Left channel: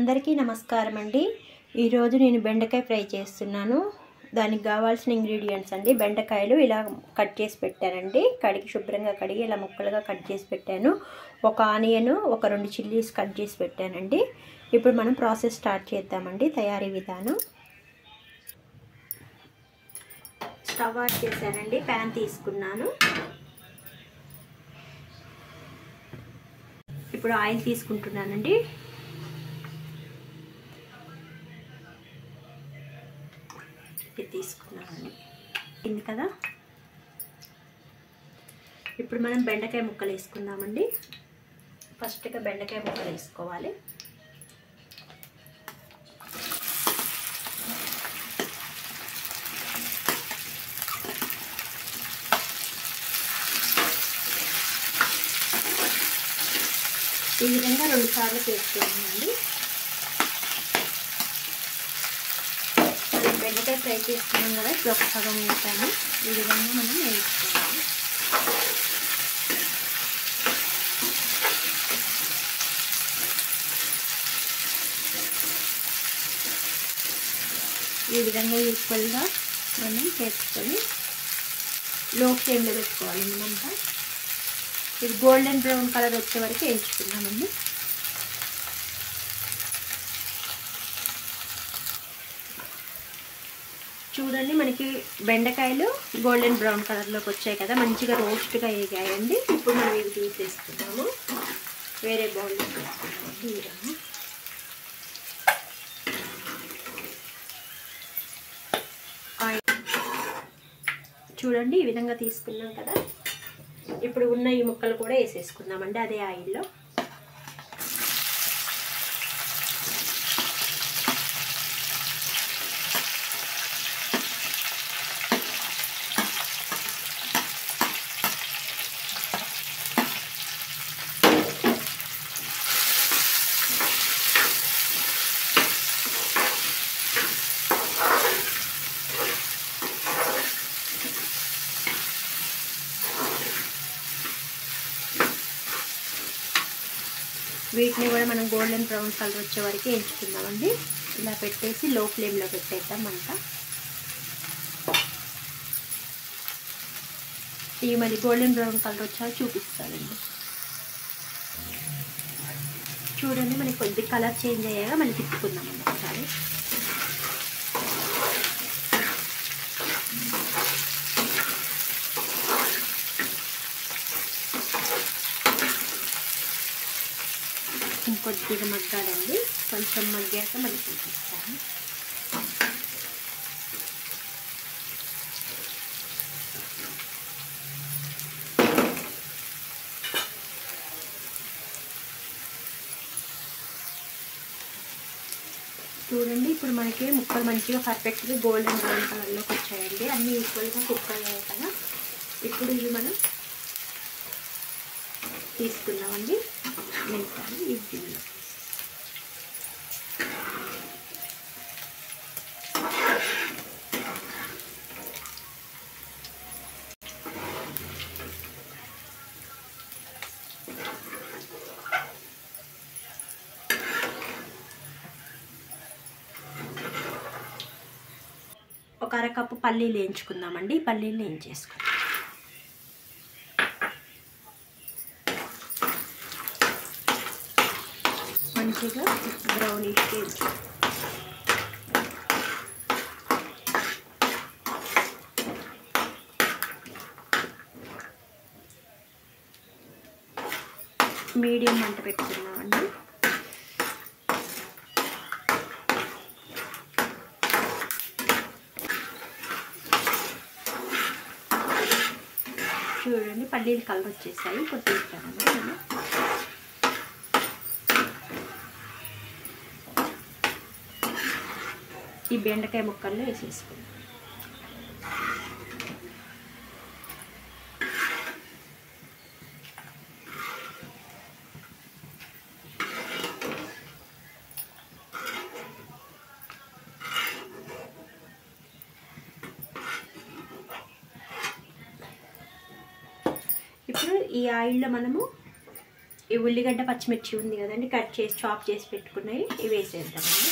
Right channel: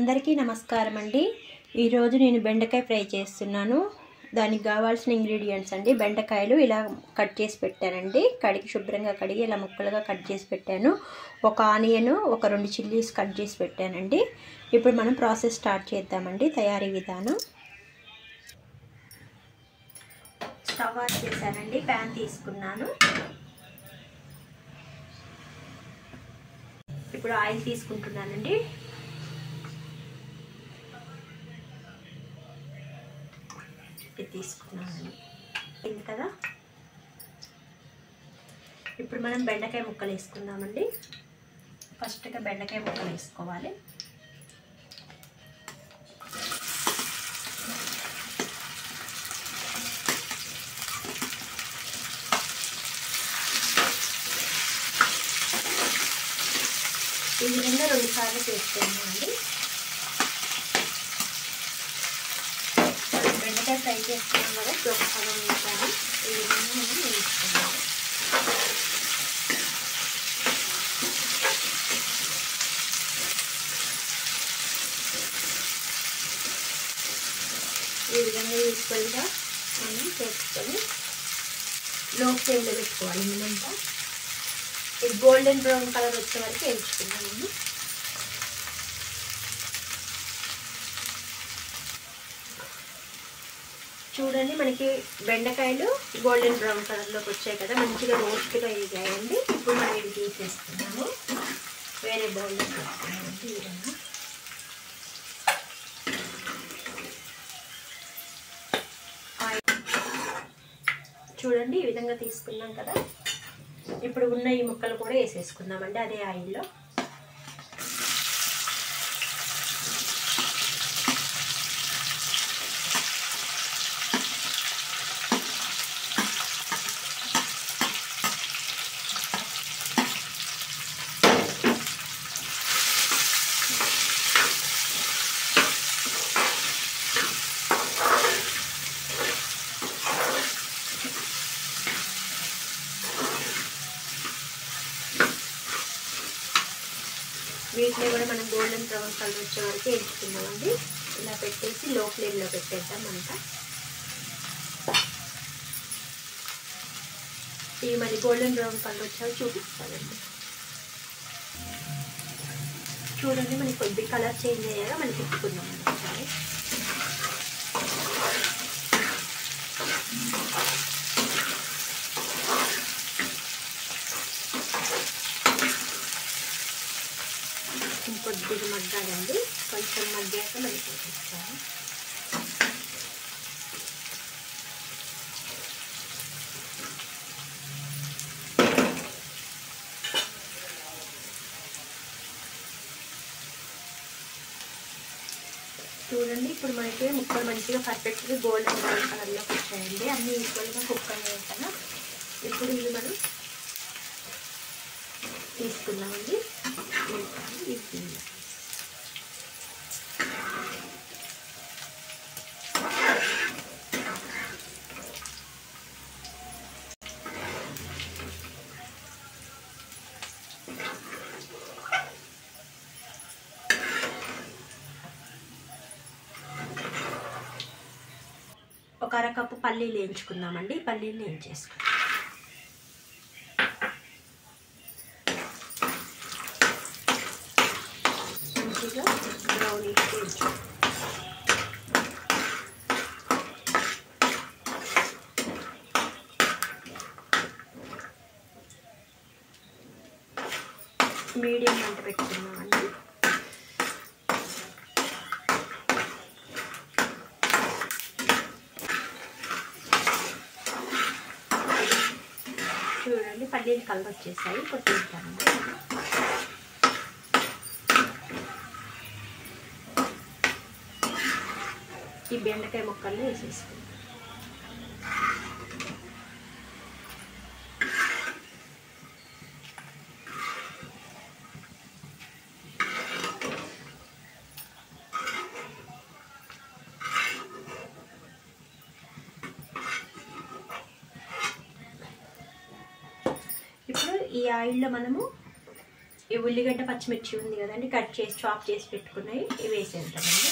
అందరికీ నమస్కారం అండి. ఈరోజు నేను బెండకాయ ఫ్రై చేస్తున్నాను. దానికి కావాల్సిన ఇంగ్రీడియంట్స్ అండి, బెండకాయలు ఇలా కట్ చేసి పెట్టానండి. శుభ్రంగా కడిగి ఇలా ముక్కలుగా కట్ చేసి పెట్టాను. ఒక ఆనియన్, ఒక 2 చిల్లీస్ కట్ చేసి పెట్టానండి. ఇప్పుడు మనం ప్రాసెస్ స్టార్ట్ చేద్దామండి. తయారీ విధానం. స్టవ్ ఆన్ చేశానండి. ప్యాన్ తీసుకున్నాను. ఇప్పుడు ఆయిల్ తీసుకుంటున్నానండి. ఇది తీసుకున్నానండి. ఇది కదా. ఇప్పుడు మనం బెండకాయ ముక్కలు వేసుకుందామండి. ఫస్ట్గా బెండకాయ ముక్కలు వేసుకోవాలి. ఈ విధంగా 2 సార్లు వేసుకోవాలండి. బెండకాయ ఫ్రై చేసుకున్నాం కదా, ఇప్పుడు ఒక సగం వేసాను. ఈ విధంగా మనం వేసుకోవాలి. ఈ విధంగా ఈక్వల్గా మనం చేసుకొని లో ఫ్లేమ్లో పెట్టుకోవాలి. మనమంతా ఇది గోల్డెన్ బ్రౌన్ కలర్ వచ్చే వరకు వేయించుకున్నామండి. చూడండి, మనకి బెండకాయలు గోల్డెన్ బ్రౌన్ కలర్లోకి వచ్చాయి కదా, మంచిగా రోస్ట్గా వేగాయండి. ఇప్పుడు మనం ఇవి తీసేస్తున్నాము. వేరే బౌల్లో వేసుకున్నామండి. ఈ విధంగా చూడండి, ఈ విధంగా తీసుకున్నాం కదా. ఇప్పుడు ఉన్న ఈ ముక్కలు కూడా వేసేసుకుందామండి అదే ఆయిల్లో. వీటిని కూడా మనం గోల్డెన్ బ్రౌన్ కలర్ వచ్చే వరకు వేయించుకుందామండి. ఇలా పెట్టేసి లో ఫ్లేమ్లో పెట్టేద్దాం అంతా. ఇవి మరి గోల్డెన్ బ్రౌన్ కలర్ వచ్చాక చూపిస్తానండి. చూడండి, మనకి కొద్ది కలర్ చేంజ్ అయ్యాక మళ్ళీ తిప్పుకుందామండి ఒకసారి. కొద్దిగా మగ్గాలండి. కొంచెం మగ్గాక మళ్ళీ చూపిస్తాను. చూడండి, ఇప్పుడు మనకి ముక్కలు మంచిగా పర్ఫెక్ట్గా గోల్డెన్ బ్రౌన్ కలర్లోకి వచ్చాయండి. అన్నీ ఈక్వల్గా కుక్ అయ్యాయి కదా. ఇప్పుడు ఇవి మనం తీసుకున్నామండి. ఇది ఒక అరకప్పు పల్లీలు వేయించుకుందామండి. పల్లీలు వేయించేసుకుందాం. మంచిగా బ్రౌనిష్ వేయించుకుందాం. మీడియం మంట పెట్టుకుందామండి. చూడండి, పల్లీలు కలర్ వచ్చేసాయి. ఇప్పుడు తీస్తానండి. ఈ బెండకాయ ముక్కల్లో వేసేసుకుందాం. ఇప్పుడు ఈ ఆయిల్లో మనము ఈ ఉల్లిగడ్డ పచ్చిమిర్చి ఉంది కదండి, కట్ చేసి చాప్ చేసి పెట్టుకున్నాయి, ఇవి వేసేద్దామండి.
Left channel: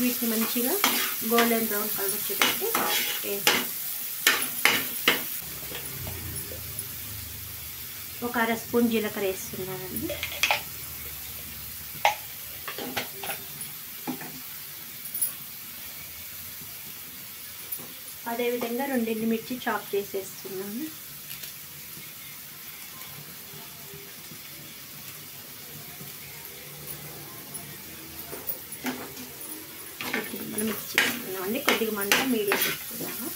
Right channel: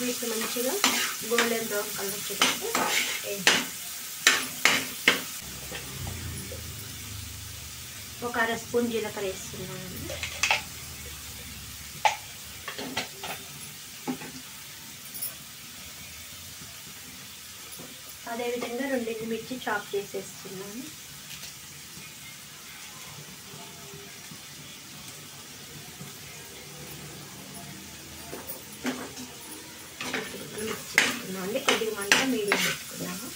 వీటిని మంచిగా గోల్డెన్ బ్రౌన్ కలర్ వచ్చేటట్టు వేసి ఒక అర స్పూన్ జీలకర్ర వేస్తున్నానండి. అదేవిధంగా 2 ఎండుమిర్చి చాప్ చేసేస్తున్నాను. మనం మిక్స్ చేసుకున్నామండి. కొద్దిగా మంట మీడియం పెట్టుకున్నాము.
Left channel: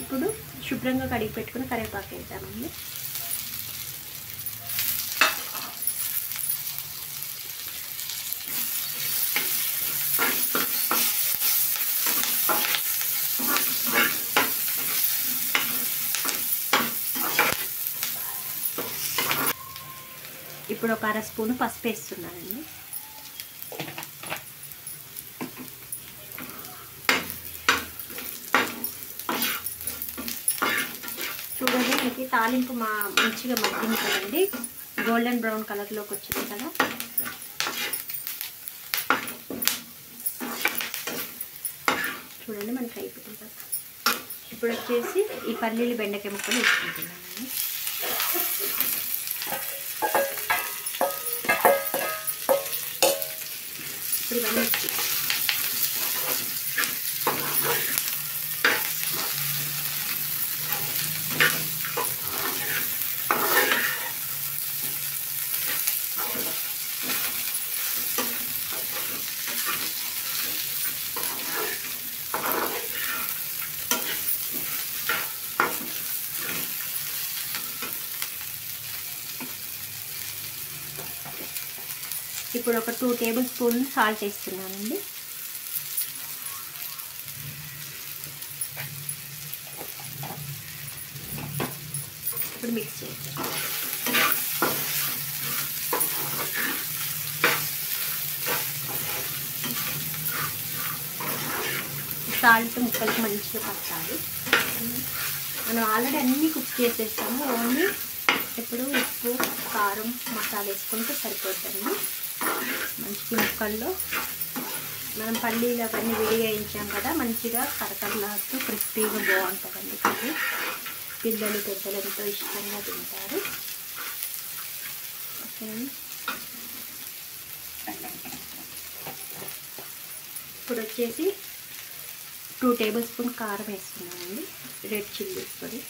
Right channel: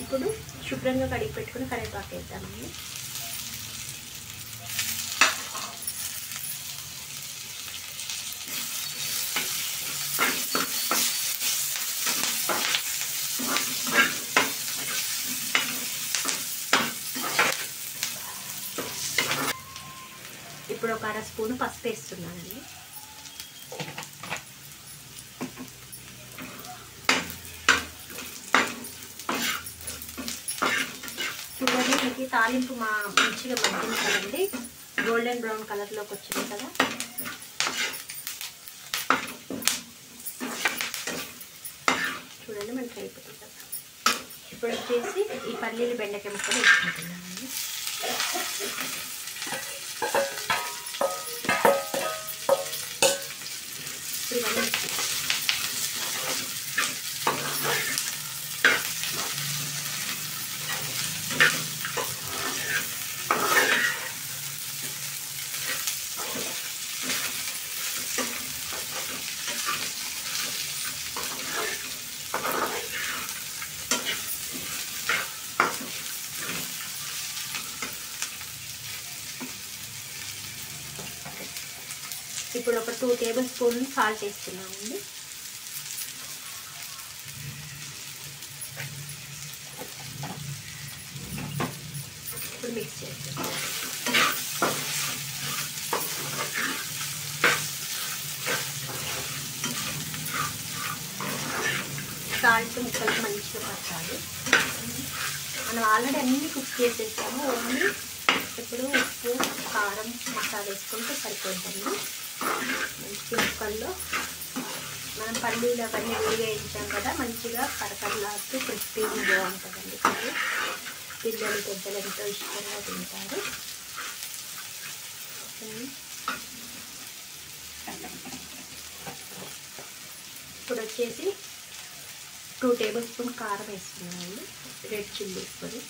ఇప్పుడు శుభ్రంగా కడిగి పెట్టుకుని కరివేపాకు వేద్దామండి. ఇప్పుడు ఒక అర స్పూను పసుపు వేస్తున్నానండి. చూడండి, మీకు తాలింపు మంచిగా మగ్గింది కదండి, గోల్డెన్ బ్రౌన్ కలర్లోకి వచ్చింది కదా. చూడండి మనకి అయిపోతుంది కదా. ఇప్పుడు వచ్చేసి ఈ పల్లీలు బెండకాయ ముక్కలు వేసుకుంటున్నానండి. ఇప్పుడు ఒక 2 టేబుల్ స్పూన్ సాల్ట్ వేస్తున్నానండి. ఇప్పుడు మిక్స్ చేస్తాను. సాల్ట్ ముక్కలకు మంచిగా పట్టాలి. మనం ఆల్రెడీ అన్నీ కుక్ చేసేస్తాము. ఓన్లీ ఇప్పుడు ఉప్పు, కారం, మసాలా వేసుకుంటే సరిపోతుంది. మంచి ముక్కల్లో మనం పల్లీలు అవన్నీ వేయించాం కదా, మంచిగా కరకరలాడుతూ క్రిస్పీగా బాగుంటుందండి. కర్రీ పిల్లలు పెద్దలు ఎంతో ఇష్టంగా తింటారు. ఇప్పుడు వచ్చేసి 2 టేబుల్ స్పూన్ కారం వేస్తున్నానండి, రెడ్ చిల్లీస్ పొడి.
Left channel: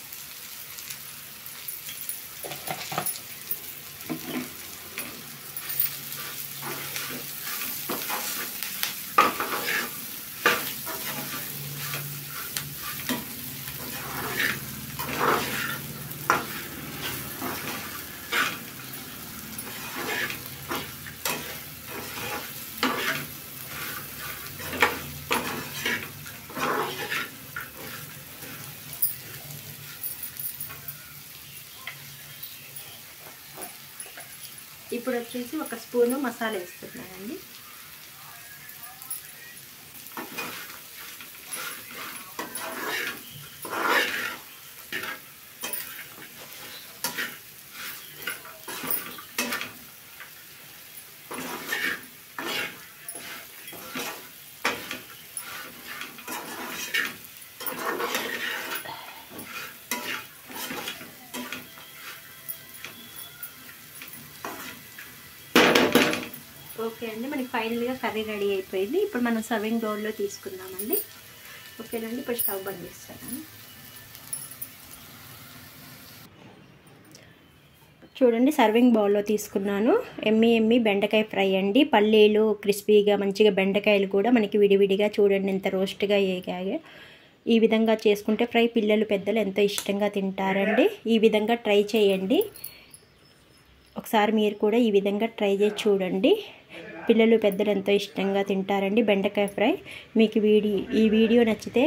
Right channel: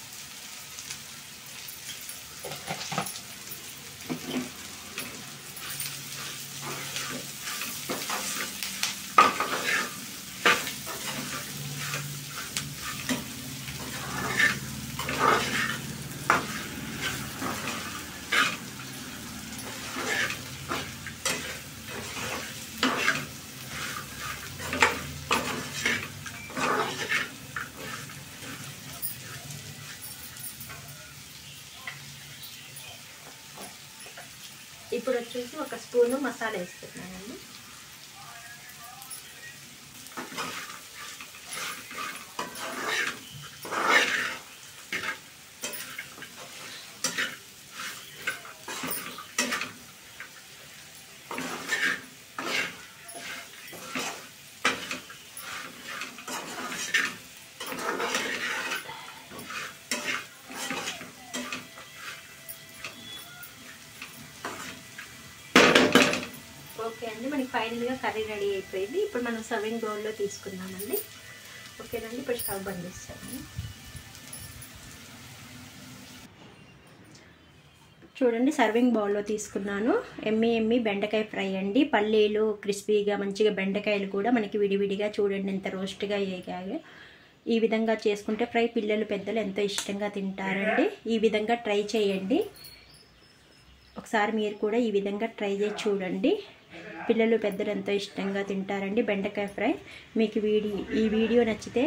ఇప్పుడు వచ్చేసి ఒక స్పూను మసాలా వేస్తున్నానండి. ఓకే అండి, మనకి ఫైనల్గా కర్రీ రెడీ అయిపోయింది. ఇప్పుడు మనం సర్వింగ్ బౌల్లో తీసుకుందామండి. ఓకేనండి, ఇప్పుడు స్టవ్ బంద్ చేస్తాను. చూడండి, సర్వింగ్ బౌల్లో తీసుకున్నాను. ఎమ్మి బెండకాయ ఫ్రై అండి. పల్లీలు క్రిస్పీగా మంచిగా, బెండకాయలు కూడా మనకి విడివిడిగా చూడండి ఎంత రోస్ట్గా వేగాయో. ఈ విధంగా చేసుకుంటే ఫ్రై పిల్లలు పెద్దలు ఎంతో ఇష్టంగా తింటారండి. ఈ విధంగా ట్రై చేయండి. ఒకసారి మీరు కూడా ఈ విధంగా ట్రై చేసి చూడండి. పిల్లలు పెద్దలు ఎంతో ఇష్టంగా తింటారండి బెండకాయ ఫ్రై. మీకు ఈ వీడియో నచ్చితే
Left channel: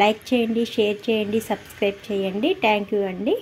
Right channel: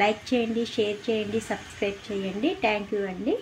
లైక్ చేయండి, షేర్ చేయండి, సబ్స్క్రైబ్ చేయండి. థ్యాంక్ యూ అండి.